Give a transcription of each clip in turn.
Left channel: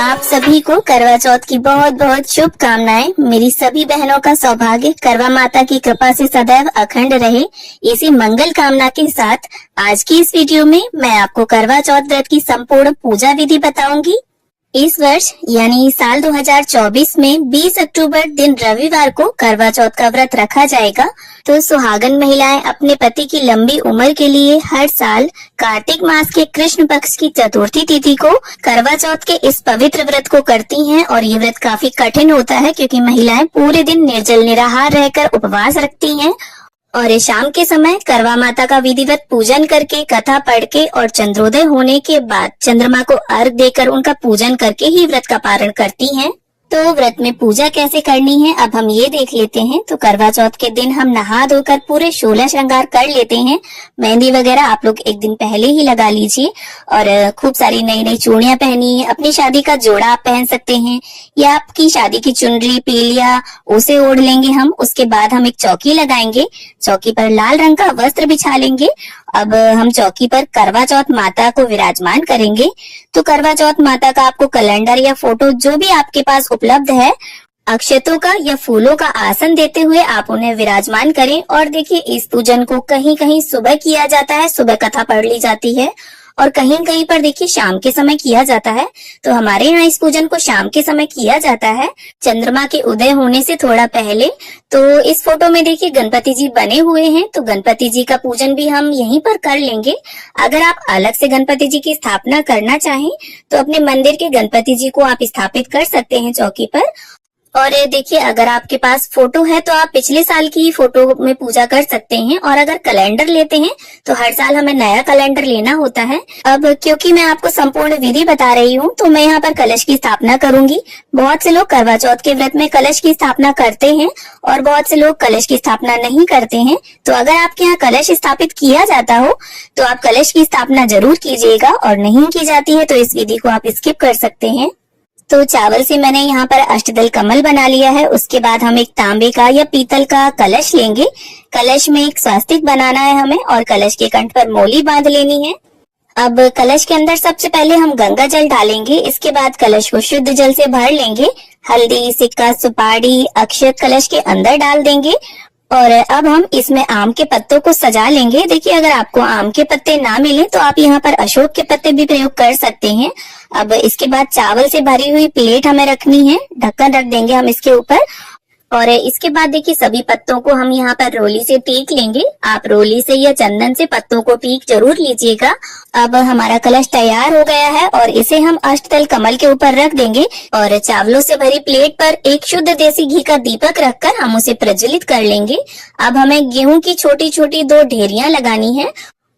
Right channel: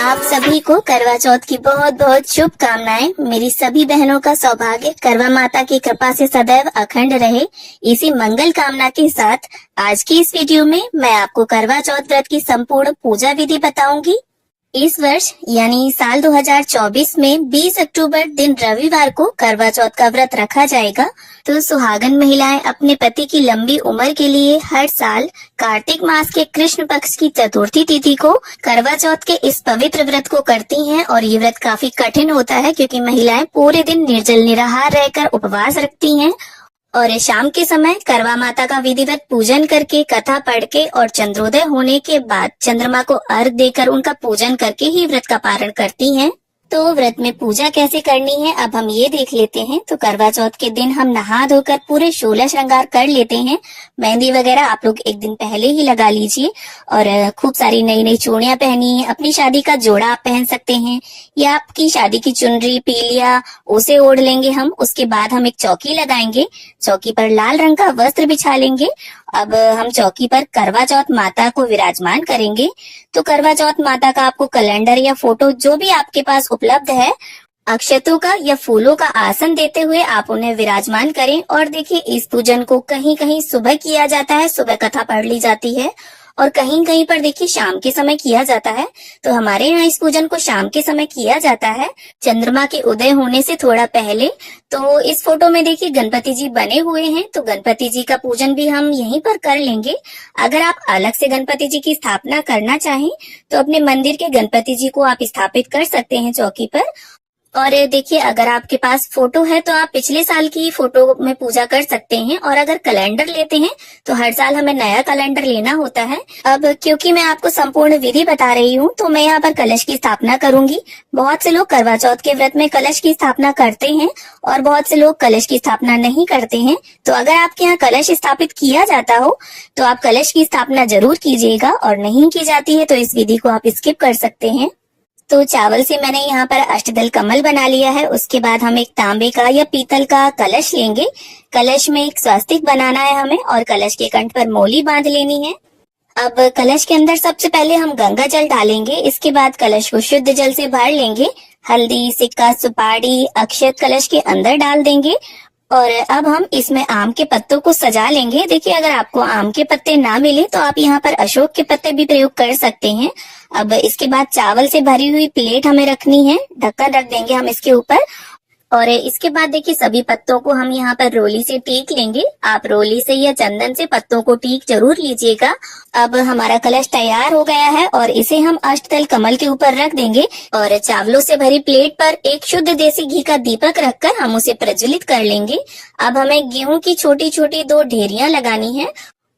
आप सभी को करवा चौथ की बहुत बहुत शुभकामनाएं। मेरी सभी बहनों का सौभाग्य करवा माता की कृपा से सदैव अखंड रहे, इसी मंगल कामना के साथ आज की इस वीडियो में मैं आपको करवा चौथ व्रत की संपूर्ण पूजा विधि बताऊंगी। इस वर्ष यानी साल 2024 में 20 अक्टूबर दिन रविवार को करवा चौथ का व्रत रखा जाएगा। तो सुहागन महिलाएं अपने पति की लंबी उम्र के लिए हर साल कार्तिक मास के कृष्ण पक्ष की चतुर्थी तिथि को करवा चौथ के इस पवित्र व्रत को करती हैं। और ये व्रत काफी कठिन होता है क्योंकि महिलाएं पूरे दिन निर्जल निराहार रहकर उपवास रखती हैं और शाम के समय करवा माता का विधिवत पूजन करके, कथा पढ़ के और चंद्रोदय होने के बाद चंद्रमा को अर्घ देकर उनका पूजन करके ही व्रत का पारण करती हैं। तो व्रत में पूजा कैसे करनी है अब हम ये देख लेते हैं। तो करवा चौथ के दिन हम नहा धोकर पूरे 16 श्रृंगार कर लेते हैं। मेहंदी वगैरह आप लोग एक दिन पहले ही लगा लीजिए और खूब सारी नई नई चूड़ियां पहनिए। अपनी शादी का जोड़ा आप पहन सकते हैं या आपकी शादी की चुनरी, पीलिया उसे ओढ़ लेंगे हम। उसके बाद हम एक चौकी लगाएंगे, चौकी पर लाल रंग का वस्त्र बिछा लेंगे। अब हम चौकी पर करवा चौथ माता को विराजमान करेंगे। तो करवा चौथ माता का आपको कैलेंडर या फोटो जो भी आपके पास उपलब्ध है, अक्षतों का या फूलों का आसन देते हुए आप उन्हें विराजमान करें। और देखिए, इस पूजन को कहीं कहीं सुबह किया जाता है, सुबह कथा पढ़ ली जाती है, और कहीं कहीं पर देखिए शाम के समय किया जाता है। तो हमारे यहाँ इस पूजन को शाम के समय किया जाता है, चंद्रमा के उदय होने से थोड़ा पहले। तो इस फोटो में देखिए गणपति जी बने हुए हैं, तो गणपति जी का पूजन भी हम यहीं पर कर लेंगे। अगर आप अलग से गणपति जी की स्थापना करना चाहें तो अपने मंदिर के गणपति जी को आप स्थापित कर सकते हैं चौकी पर। और देखिए, अगर आपके पास फोटो है तो आप पिछले साल की ही फोटो में पूजा कर सकते हैं। और अगर कैलेंडर लेते हैं तो हर साल हमें नया कैलेंडर लेना होता है। अब क्योंकि मैं आपको संपूर्ण विधि बता रही हूँ तो मैं यहाँ पर कलश की स्थापना करूंगी। बहुत से लोग करवा चौथ के व्रत में कलश की स्थापना करते हैं और बहुत से लोग कलश की स्थापना नहीं करते हैं। तो अगर आपके यहाँ कलश स्थापित किया जाता हो तो आप कलश की स्थापना जरूर कीजिएगा, और नहीं की जाती है तो इस विधि को आप स्किप कर सकते हैं। तो चावल से मैंने यहाँ पर अष्टदल कमल बना लिया है। उसके बाद हम एक तांबे का या पीतल का कलश लेंगे। कलश में एक स्वास्तिक बनाना है हमें और कलश के कंठ पर मोली बांध लेनी है। अब कलश के अंदर सबसे पहले हम गंगा जल डालेंगे। इसके बाद कलश को शुद्ध जल से भर लेंगे। हल्दी, सिक्का, सुपारी, अक्षत कलश के अंदर डाल देंगे। और अब हम इसमें आम के पत्तों को सजा लेंगे। देखिए, अगर आपको आम के पत्ते ना मिले तो आप यहाँ पर अशोक के पत्ते भी प्रयोग कर सकते हैं। अब इसके बाद चावल से भरी हुई प्लेट हमें रखनी है, ढक्कन रख देंगे हम इसके ऊपर। और इसके बाद देखिए, सभी पत्तों को हम यहाँ पर रोली से टीक लेंगे। आप रोली से या चंदन से पत्तों को टीक जरूर लीजिएगा। अब हमारा कलश तैयार हो गया है और इसे हम अष्टदल कमल के ऊपर रख देंगे। और चावलों से भरी प्लेट पर एक शुद्ध देसी घी का दीपक रखकर हम उसे प्रज्वलित कर लेंगे। अब हमें गेहूं की छोटी छोटी 2 ढेरियां लगानी है।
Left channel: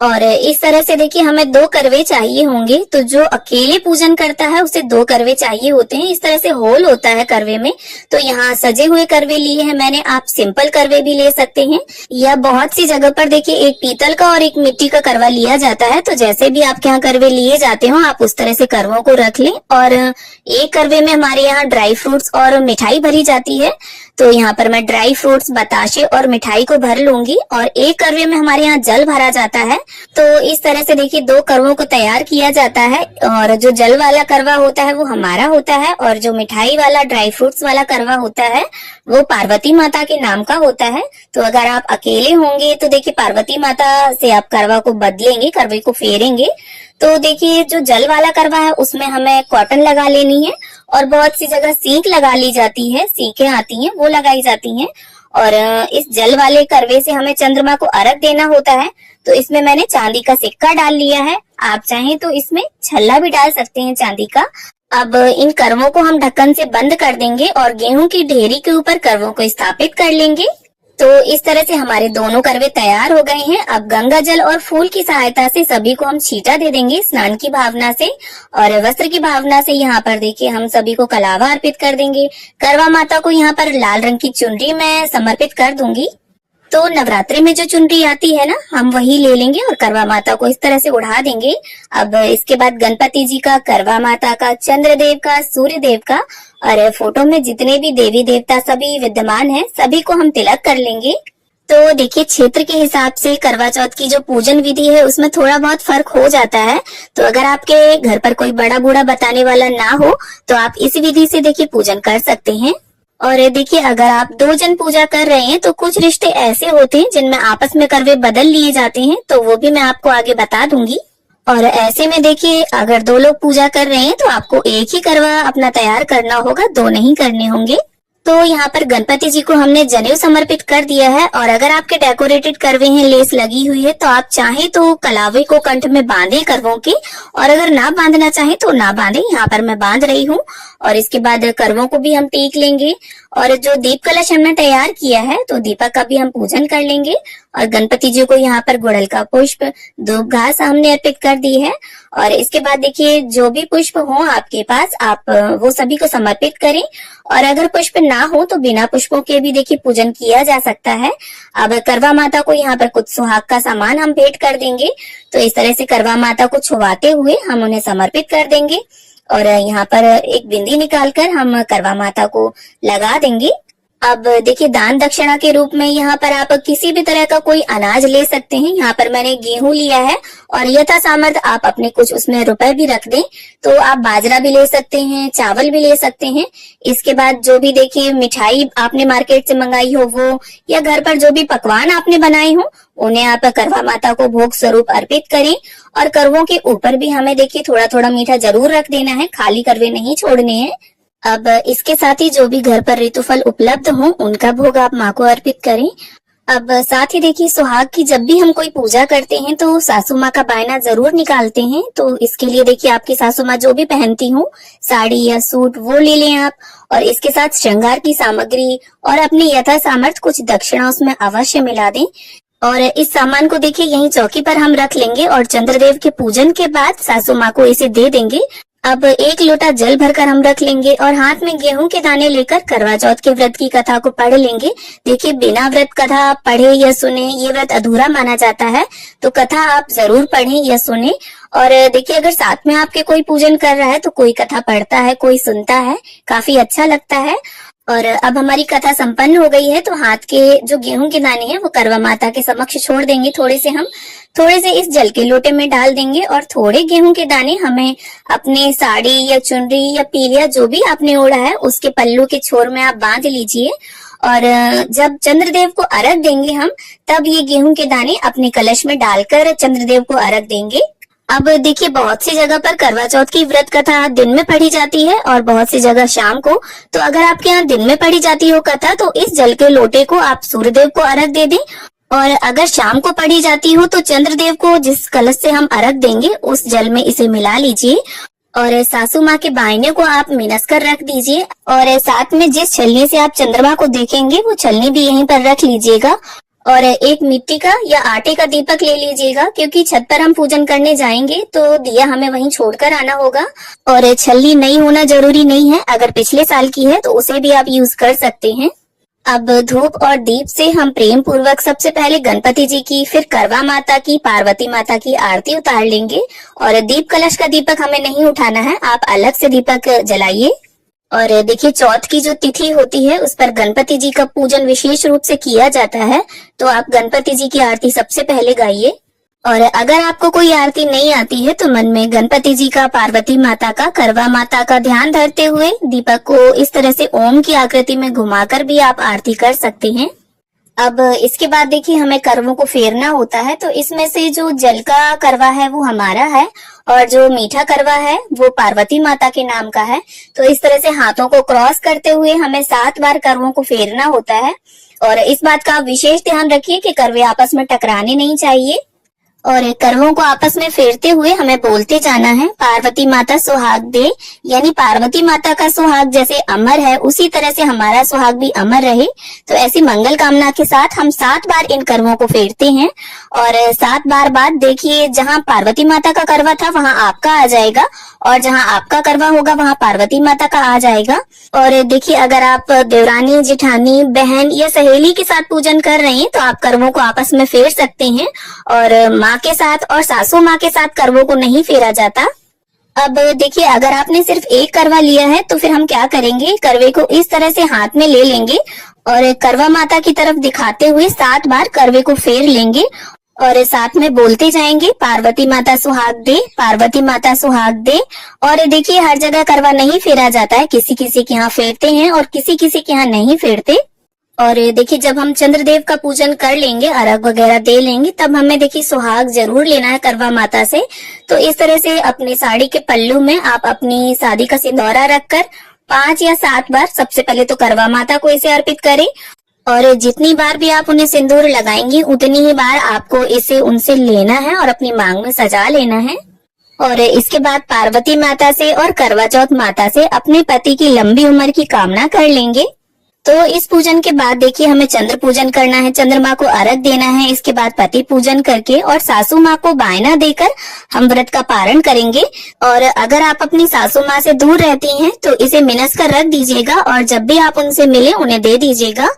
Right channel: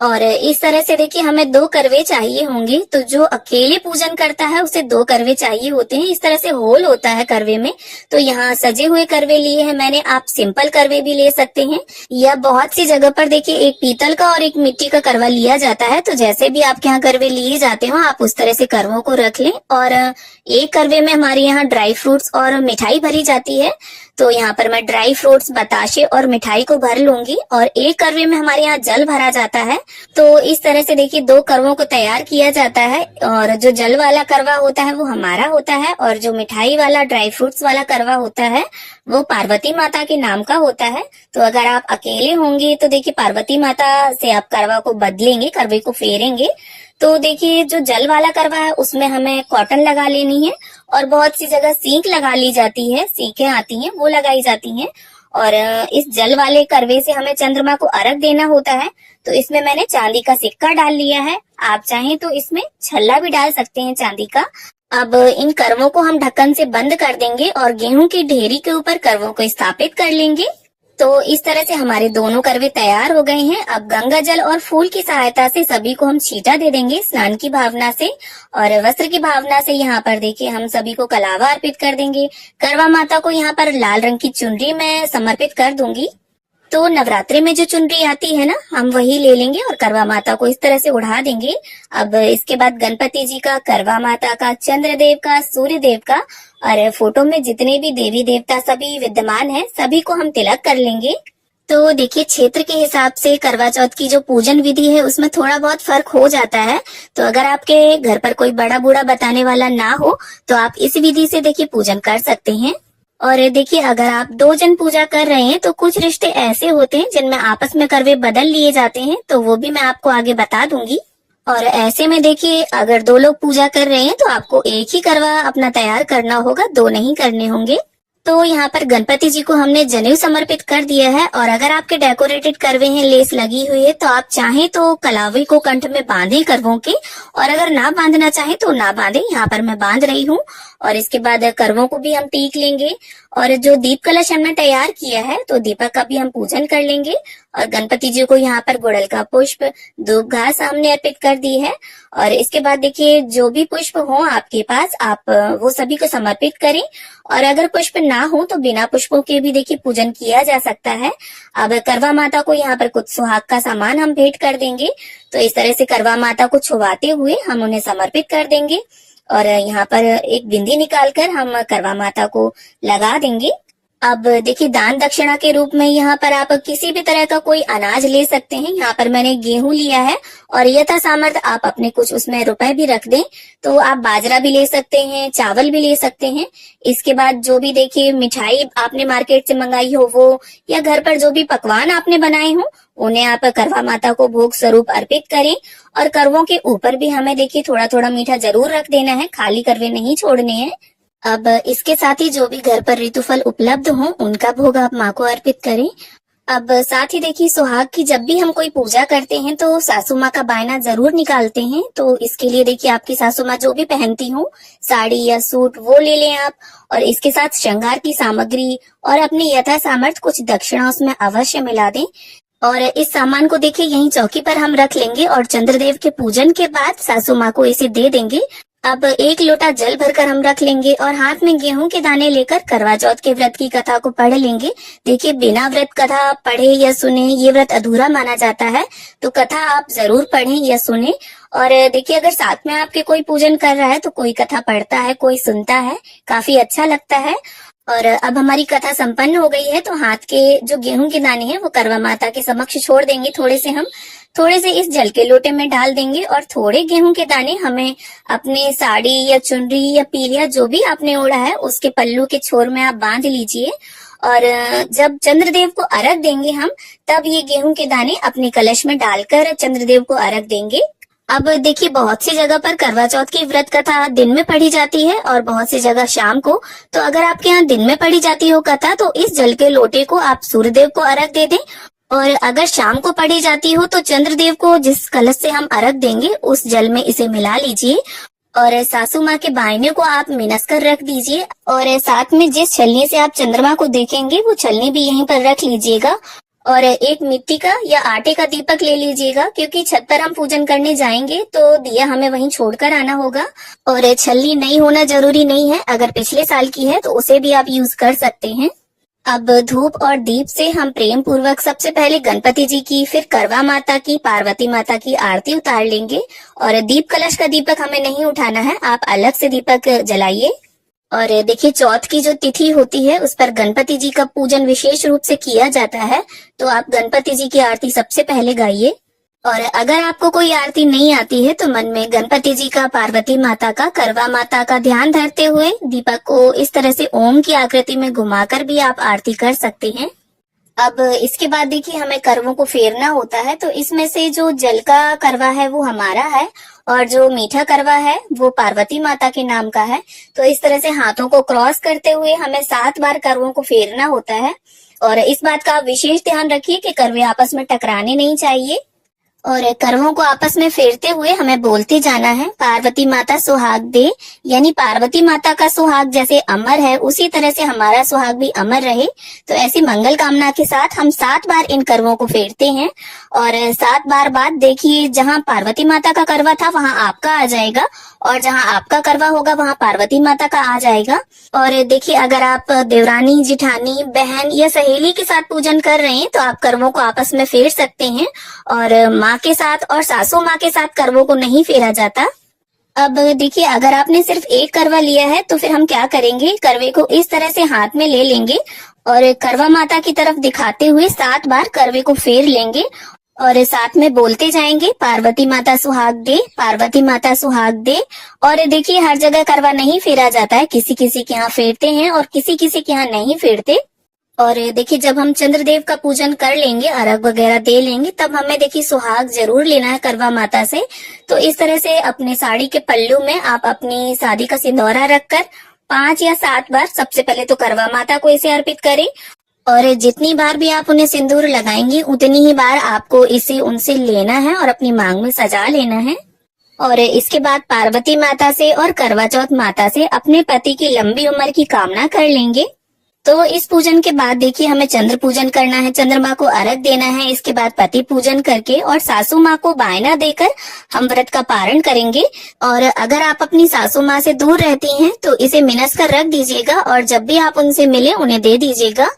और इस तरह से देखिए, हमें 2 करवे चाहिए होंगे। तो जो अकेले पूजन करता है उसे 2 करवे चाहिए होते हैं। इस तरह से होल होता है करवे में। तो यहाँ सजे हुए करवे लिए हैं मैंने, आप सिंपल करवे भी ले सकते हैं। या बहुत सी जगह पर देखिए एक पीतल का और एक मिट्टी का करवा लिया जाता है। तो जैसे भी आपके यहाँ करवे लिए जाते हो आप उस तरह से करवों को रख लें। और एक करवे में हमारे यहाँ ड्राई फ्रूट्स और मिठाई भरी जाती है। तो यहाँ पर मैं ड्राई फ्रूट्स, बताशे और मिठाई को भर लूंगी। और एक करवे में हमारे यहाँ जल भरा जाता है। तो इस तरह से देखिए 2 करवों को तैयार किया जाता है। और जो जल वाला करवा होता है वो हमारा होता है, और जो मिठाई वाला, ड्राई फ्रूट्स वाला करवा होता है वो पार्वती माता के नाम का होता है। तो अगर आप अकेले होंगे तो देखिए पार्वती माता से आप करवा को बदलेंगे, करवे को फेरेंगे। तो देखिए, जो जल वाला करवा है उसमें हमें कॉटन लगा लेनी है। और बहुत सी जगह सींक लगा ली जाती है, सींकें आती हैं वो लगाई जाती हैं। और इस जल वाले करवे से हमें चंद्रमा को अर्घ देना होता है। तो इसमें मैंने चांदी का सिक्का डाल लिया है। आप चाहें तो इसमें छल्ला भी डाल सकते हैं चांदी का। अब इन करवों को हम ढक्कन से बंद कर देंगे और गेहूं की ढेरी के ऊपर करवों को स्थापित कर लेंगे। तो इस तरह से हमारे दोनों करवे तैयार हो गए हैं। अब गंगा जल और फूल की सहायता से सभी को हम छींटा दे देंगे स्नान की भावना से और वस्त्र की भावना से। यहाँ पर देखिए, हम सभी को कलावा अर्पित कर देंगे। करवा माता को यहाँ पर लाल रंग की चुनरी मैं समर्पित कर दूंगी। तो नवरात्रि में जो चुनरी आती है ना, हम वही ले लेंगे और करवा माता को इस तरह से उड़ा देंगे। अब इसके बाद गणपति जी का, करवा माता का, चंद्रदेव का, सूर्य देव का और फोटो में जितने भी देवी देवता सभी विद्यमान हैं, सभी को हम तिलक कर लेंगे। तो देखिए, क्षेत्र के हिसाब से करवा चौथ की जो पूजन विधि है उसमें थोड़ा बहुत फर्क हो जाता है। तो अगर आपके घर पर कोई बड़ा बूढ़ा बताने वाला ना हो तो आप इस विधि से देखिए पूजन कर सकते हैं। और देखिए, अगर आप 2 जन पूजा कर रहे हैं तो कुछ रिश्ते ऐसे होते हैं जिनमें आपस में करवे बदल लिए जाते हैं, तो वो भी मैं आपको आगे बता दूंगी। और ऐसे में देखिए, अगर 2 लोग पूजा कर रहे हैं तो आपको एक ही करवा अपना तैयार करना होगा, 2 नहीं करने होंगे। तो यहाँ पर गणपति जी को हमने जनेऊ समर्पित कर दिया है। और अगर आपके डेकोरेटेड करवे हैं, लेस लगी हुई है, तो आप चाहे तो कलावे को कंठ में बांधे करवों के, और अगर ना बांधना चाहे तो ना बांधे। यहाँ पर मैं बांध रही हूँ। और इसके बाद करवों को भी हम टीक लेंगे। और जो दीप कलश हमने तैयार किया है तो दीपक का भी हम पूजन कर लेंगे। और गणपति जी को यहाँ पर गुड़हल का पुष्प, धूप घास हमने अर्पित कर दी है। और इसके बाद देखिए, जो भी पुष्प हो आपके पास, आप वो सभी को समर्पित करें। और अगर पुष्प ना हो तो बिना पुष्पों के भी देखिए पूजन किया जा सकता है। अब करवा माता को यहाँ पर कुछ सुहाग का सामान हम भेंट कर देंगे। तो इस तरह से करवा माता को छुआते हुए हम उन्हें समर्पित कर देंगे। और यहाँ पर एक बिंदी निकालकर हम करवा माता को लगा देंगे। अब देखिए, दान दक्षिणा के रूप में यहाँ पर आप किसी भी तरह का कोई अनाज ले सकते हैं। यहाँ पर मैंने गेहूं लिया है और यथा सामर्थ्य आप अपने कुछ उसमें रुपए भी रख दें। तो आप बाजरा भी ले सकते हैं, चावल भी ले सकते हैं। इसके बाद जो भी देखिए मिठाई आपने मार्केट से मंगाई हो वो, या घर पर जो भी पकवान आपने बनाए हो, उन्हें आप करवा माता को भोग स्वरूप अर्पित करें। और करवों के ऊपर भी हमें देखिए थोड़ा थोड़ा मीठा जरूर रख देना है, खाली करवे नहीं छोड़ने हैं। अब इसके साथ ही जो भी घर पर ऋतुफल उपलब्ध हो उनका भोग आप माँ को अर्पित करें। अब साथ ही देखिए, सुहाग की जब भी हम कोई पूजा करते हैं तो सासू माँ का बायना जरूर निकालते हैं। तो इसके लिए देखिए, आपकी सासू माँ जो भी पहनती हो, साड़ी या सूट, वो ले लें आप। और इसके साथ श्रृंगार की सामग्री और अपने यथा सामर्थ्य कुछ दक्षिणा उसमें अवश्य मिला दें। और इस सामान को देखिए यहीं चौकी पर हम रख लेंगे और चंद्रदेव के पूजन के बाद सासू माँ को इसे दे देंगे। अब 1 लोटा जल भरकर हम रख लेंगे और हाथ में गेहूं के दाने लेकर करवा चौथ के व्रत की कथा को पढ़ लेंगे। देखिए, बिना व्रत कथा पढ़े या सुने ये व्रत अधूरा माना जाता है। तो कथा आप जरूर पढ़ें या सुने। और देखिए, अगर साथ में आपके कोई पूजन कर रहा है तो कोई कथा पढ़ता है, कोई सुनता है, काफी अच्छा लगता है। और अब हमारी कथा संपन्न हो गई है तो हाथ के जो गेहूं के दाने हैं वो करवा माता के समक्ष छोड़ देंगे। थोड़े से इस जल के लोटे में डाल देंगे और थोड़े गेहूं के दाने हमें अपने साड़ी या चुनरी या पीलिया जो भी आपने ओढ़ा है उसके पल्लू के छोर में आप बांध लीजिए। और जब चंद्रदेव को अर्घ देंगे हम, तब ये गेहूं के दाने अपने कलश में डालकर चंद्रदेव को अर्घ देंगे। अब देखिए, बहुत सी जगह पर करवा चौथ की व्रत कथा दिन में पढ़ी जाती है और बहुत सी जगह शाम को। तो अगर आपके यहाँ दिन में पढ़ी जाती हो कथा तो इस जल के लोटे को आप सूर्यदेव को अर्घ दे दें। और अगर शाम को पढ़ी जाती हो तो चंद्रदेव को जिस कलश से हम अर्घ देंगे उस जल में इसे मिला लीजिए। और सासू माँ के बायने को आप मिनस कर रख दीजिए। और साथ में जिस छलनी से आप चंद्रमा को देखेंगे वो छलनी भी यहीं पर रख लीजिएगा। और एक मिट्टी का या आटे का दीपक ले लीजिएगा, क्योंकि छत पर हम पूजन करने जाएंगे तो दिया हमें वहीं छोड़कर आना होगा। और छलनी नई होना जरूरी नहीं है, अगर पिछले साल की है तो उसे भी आप यूज कर सकते हैं। अब धूप और दीप से हम प्रेम पूर्वक सबसे पहले गणपति जी की, फिर करवा माता की, पार्वती माता की आरती उतार लेंगे। और दीप कलश का दीपक हमें नहीं उठाना है, आप अलग से दीपक जलाइए। और देखिए, चौथ की जो तिथि होती है उस पर गणपति जी का पूजन विशेष रूप से किया जाता है। तो आप गणपति जी की आरती सबसे पहले गाइए। और अगर आपको कोई आरती नहीं आती है तो मन में गणपति जी का, पार्वती माता का, करवा माता का ध्यान धरते हुए दीपक को इस तरह से ओम की आकृति में घुमाकर भी आप आरती कर सकते हैं। अब इसके बाद देखिए, हमें करवों को फेरना होता है। तो इसमें से जो जल का करवा है वो हमारा है और जो मीठा करवा है वो पार्वती माता के नाम का है। तो इस तरह से हाथों को क्रॉस करते हुए हमें 7 बार करवों को फेरना होता है। और इस बात का विशेष ध्यान रखिए कि करवे आपस में टकराने नहीं चाहिए। और करवों को आपस में फेरते हुए हमें बोलते जाना है, पार्वती माता सुहाग दे। यानी पार्वती माता का सुहाग जैसे अमर है उसी तरह से हमारा सुहाग भी अमर रहे। तो ऐसी मंगल कामना के साथ हम 7 बार इन करवों को फेरते हैं। और 7 बार बाद देखिए, जहाँ पार्वती माता का करवा था वहाँ आपका आ जाएगा और जहाँ आपका करवा होगा वहाँ पार्वती माता का आ जाएगा। और देखिए, अगर आप देवरानी, जिठानी, बहन या सहेली के साथ पूजन कर रहे हैं तो आप करवों को आपस में फेर सकते हैं। और माँ के साथ और सासू माँ के साथ करवों को नहीं फेरा जाता। अब देखिए, अगर आपने सिर्फ एक करवा लिया है तो फिर हम क्या करेंगे, करवे को इस तरह से हाथ में ले लेंगे और करवा माता की तरफ दिखाते हुए 7 बार करवे को फेर लेंगे और साथ में बोलते जाएंगे, पार्वती माता सुहाग दे, पार्वती माता सुहाग दे। और देखिए, हर जगह करवा नहीं फेरा जाता है, किसी किसी के यहाँ फेरते हैं और किसी किसी के यहाँ नहीं फेरते। और देखिए, जब हम चंद्रदेव का पूजन कर लेंगे, अर्घ वगैरह दे लेंगे, तब हमें देखिए सुहाग जरूर लेना है करवा माता से। तो इस तरह से अपने साड़ी के पल्लू में आप अपनी शादी का सिंदूरा रखकर 5 या 7 बार सबसे पहले तो करवा माता को इसे अर्पित करें और जितनी बार भी आप उन्हें सिंदूर लगाएंगे उतनी ही बार आपको इसे उनसे लेना है और अपनी मांग में सजा लेना है। और इसके बाद पार्वती माता से और करवा चौथ माता से अपने पति की लंबी उम्र की कामना कर लेंगे। तो इस पूजन के बाद देखिए, हमें चंद्र पूजन करना है, चंद्रमा को अर्घ देना है। इसके बाद पति पूजन करके और सासू माँ को बायना देकर हम व्रत का पारण करेंगे। और अगर आप अपनी सासू माँ से दूर रहती हैं तो इसे मिनस कर रख दीजिएगा और जब भी आप उनसे मिले उन्हें दे दीजिएगा।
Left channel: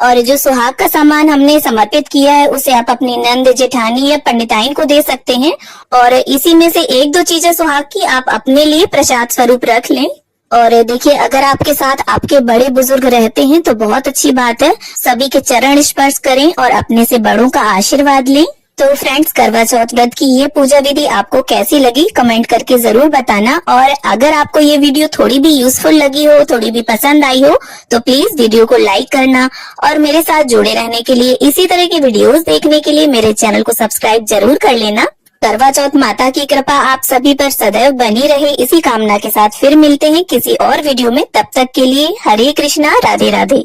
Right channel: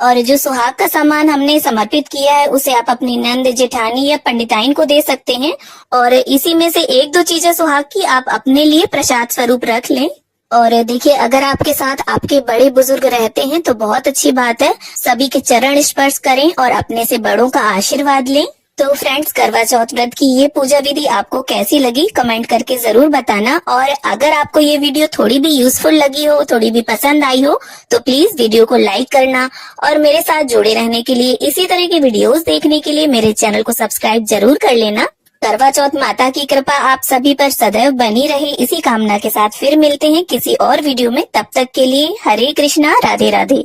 और जो सुहाग का सामान हमने समर्पित किया है उसे आप अपनी नंद, जेठानी या पंडिताइन को दे सकते हैं। और इसी में से 1-2 चीजें सुहाग की आप अपने लिए प्रसाद स्वरूप रख लें। और देखिए, अगर आपके साथ आपके बड़े बुजुर्ग रहते हैं तो बहुत अच्छी बात है, सभी के चरण स्पर्श करें और अपने से बड़ों का आशीर्वाद लें। तो फ्रेंड्स, करवा चौथ व्रत की ये पूजा विधि आपको कैसी लगी कमेंट करके जरूर बताना। और अगर आपको ये वीडियो थोड़ी भी यूजफुल लगी हो, थोड़ी भी पसंद आई हो, तो प्लीज वीडियो को लाइक करना और मेरे साथ जुड़े रहने के लिए, इसी तरह के वीडियोस देखने के लिए मेरे चैनल को सब्सक्राइब जरूर कर लेना। करवा चौथ माता की कृपा आप सभी पर सदैव बनी रहे, इसी कामना के साथ फिर मिलते हैं किसी और वीडियो में। तब तक के लिए हरे कृष्णा, राधे राधे।